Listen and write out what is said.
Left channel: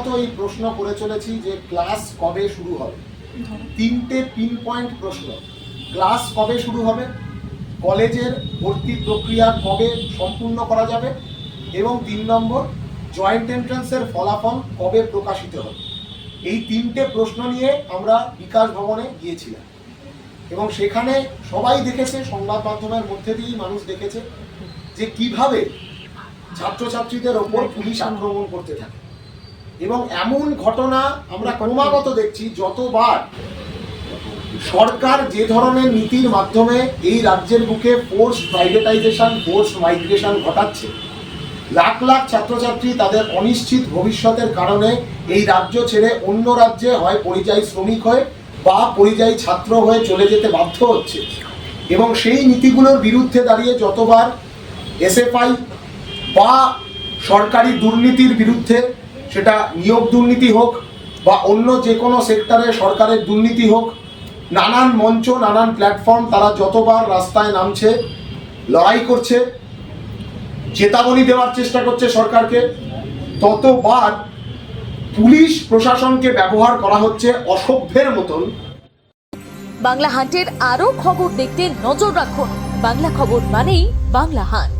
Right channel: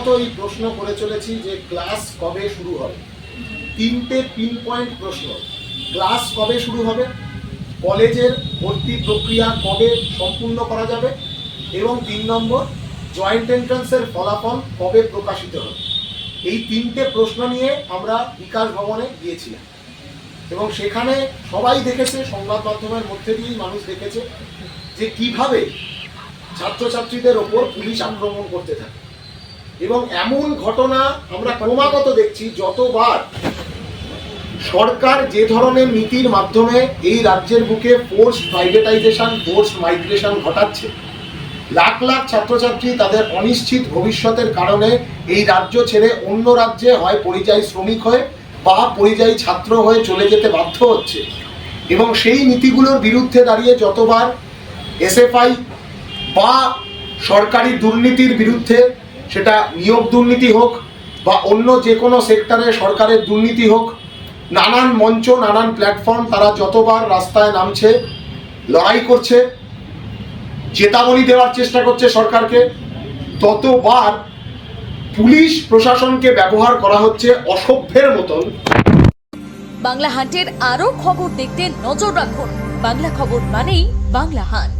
ক্রমাগত এই প্রশ্ন করে চলেছি যে ক্লাস কবে শুরু হবে। তিনটে পিন পয়েন্ট প্রশ্ন: ক্লাস কবে শুরু হবে, কলেজের ভর্তি প্রক্রিয়া কবে সম্পূর্ণ করা যাবে, এবং 3 নম্বর জয়েন্ট এন্ট্রান্সের ফলাফল কবে প্রকাশিত হবে। এই তিনটে প্রশ্ন নিয়ে আমরা বিকাশ ভবনে গিয়েছিলাম এবং সেখানে সবাই দেখেছে, সংবাদ মাধ্যমের মধ্যে দিয়েই মানুষ দেখেছে যে কিভাবে ছাত্রছাত্রীদের ওপর পুলিশ আক্রমণ করতে থাকে। এবং এমন ঘটনা আমরা ক্রমাগত দেখছি, যতবার সরকার যে ধরনের নীতির মাধ্যমে এই রাজ্যের বুকে ফোর্স প্রাইভেটাইজেশন, ফোর্স মাইগ্রেশন ঘটাচ্ছে, লাখ লাখ ছাত্রছাত্রী তাদের অনিশ্চিত ভবিষ্যতের কারণে এই রাজ্য ছেড়ে অন্য রাজ্যে হয় পরিযায়ী শ্রমিক হয়ে বা পরিযায়ী ছাত্র হয়ে চলে যেতে বাধ্য হচ্ছে। এবং সেই নীতিগুলোর বিরুদ্ধে দাঁড়িয়ে যতবার এসএফআই বা সরকারি দুর্নীতির বিরুদ্ধে, সেটা নিয়োগ দুর্নীতি হোক বা অন্য যে কোনো সেক্টরে সরকারের দুর্নীতি হোক, নানান মঞ্চ, নানান প্ল্যাটফর্ম তারা যতবার রাস্তায় নামছে, লড়াই করছে, চেতাবনী দেওয়ার চেষ্টা করছে সরকারকে, ততবার পুলিশ প্রশাসনকে ব্যবহার করা হচ্ছে অসভ্যের মতন। বাংলা হাটের আরো খবর দেখতে নজর রাখুন। বাংলা খবর মানেই বাংলা হাট।